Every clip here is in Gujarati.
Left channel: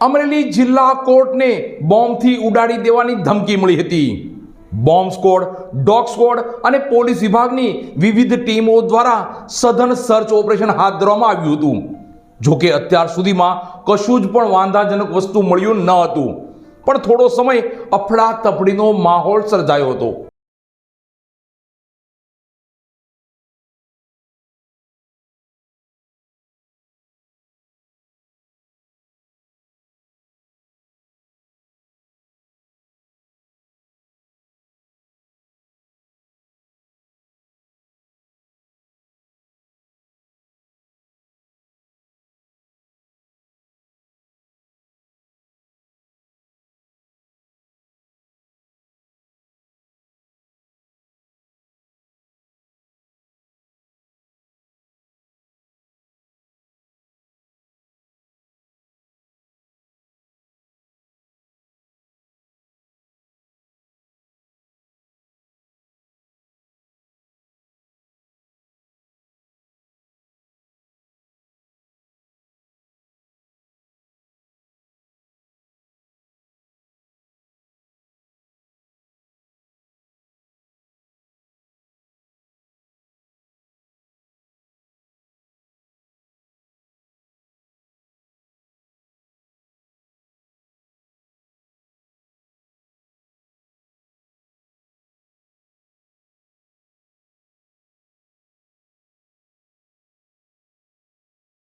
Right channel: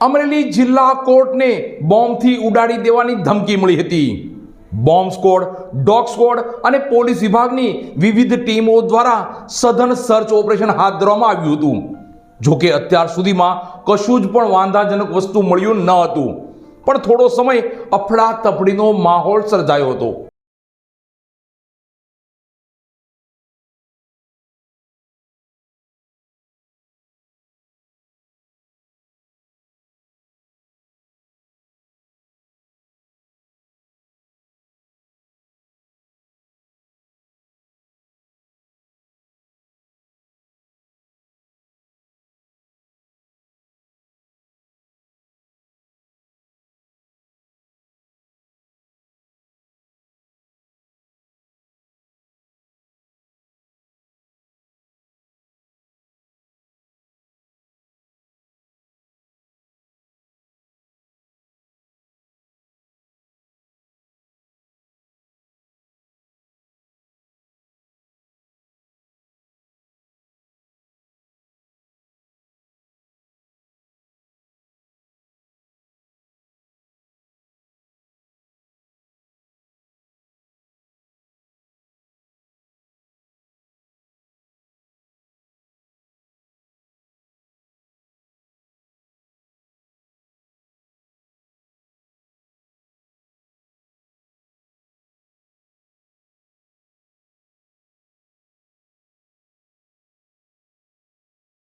અમરેલી જિલ્લા કોર્ટને બોમ્બથી ઉડાડી દેવાની ધમકી મળી હતી। બોમ્બ સ્ક્વોડ, ડોગ સ્ક્વોડ અને પોલીસ વિભાગની વિવિધ ટીમો દ્વારા સઘન સર્ચ ઓપરેશન હાથ ધરવામાં આવ્યું હતું। જો કે અત્યાર સુધીમાં કશું જ પણ વાંધાજનક વસ્તુ મળ્યું ન હતું, પણ થોડો સમય અફડાતફડીનો માહોલ સર્જાયો હતો।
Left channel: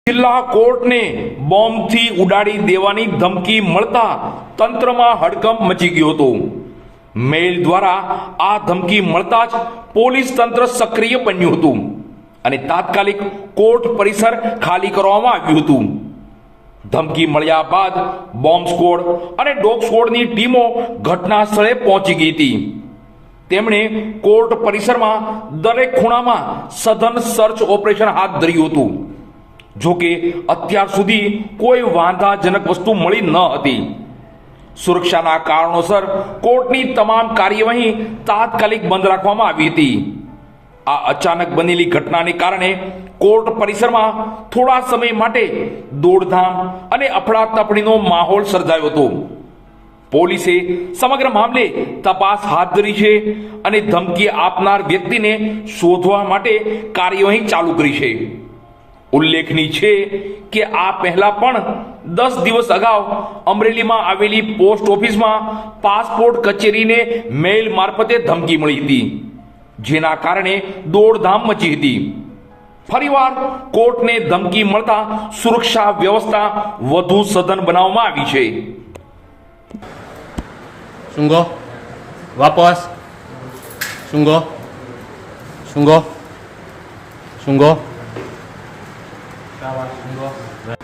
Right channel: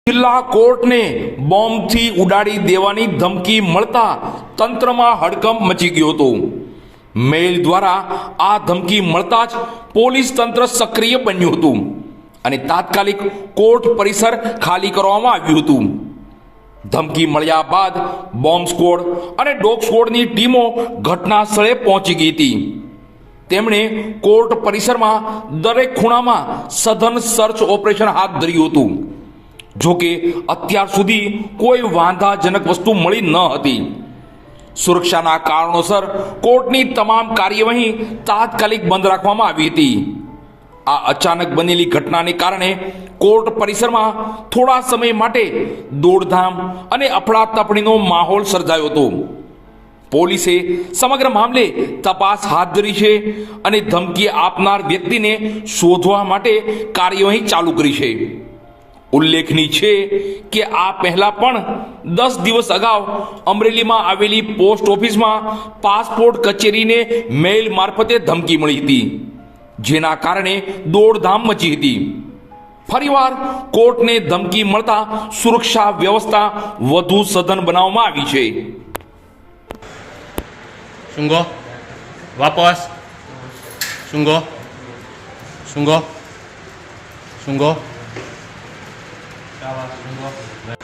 જિલ્લા કોર્ટને બોમ્બથી ઉડાડી દેવાની ધમકી મળતા તંત્રમાં હડકંપ મચી ગયો હતો। મેલ દ્વારા આ ધમકી મળતા જ પોલીસ તંત્ર સક્રિય બન્યું હતું અને તાત્કાલિક કોર્ટ પરિસર ખાલી કરવામાં આવ્યું હતું। ધમકી મળ્યા બાદ બોમ્બ સ્ક્વોડ અને ડોગ સ્ક્વોડની ટીમો ઘટના સ્થળે પહોંચી ગઈ હતી। તેમણે કોર્ટ પરિસરમાં દરેક ખૂણામાં સઘન સર્ચ ઓપરેશન હાથ ધર્યું હતું। જો કે અત્યાર સુધી કોઈ વાંધાજનક વસ્તુ મળી ન હતી। સુરક્ષાના કારણોસર કોર્ટની તમામ કાર્યવાહી તાત્કાલિક બંધ રાખવામાં આવી હતી। આ અચાનક બનેલી ઘટનાને કારણે કોર્ટ પરિસરમાં થોડા સમય માટે દોડધામ અને અફડાતફડીનો માહોલ સર્જાયો હતો। પોલીસે સમગ્ર મામલે તપાસ હાથ ધરી છે અને ધમકી આપનાર વ્યક્તિને શોધવા માટે કાર્યવાહી ચાલુ કરી છે। ઉલ્લેખનીય છે કે આ પહેલા પણ 10 દિવસ અગાઉ અમરેલીમાં આવેલી પોસ્ટ ઓફિસમાં પાસપોર્ટ કચેરીને મેલ મારફતે ધમકી મળી હતી, જેના કારણે દોડધામ મચી હતી। ફરીવાર કોર્ટને ધમકી મળતા સુરક્ષા વ્યવસ્થા વધુ સઘન બનાવવામાં આવી છે। Sungguh, વાપસ sungguh, sungguh, sungguh, sungguh.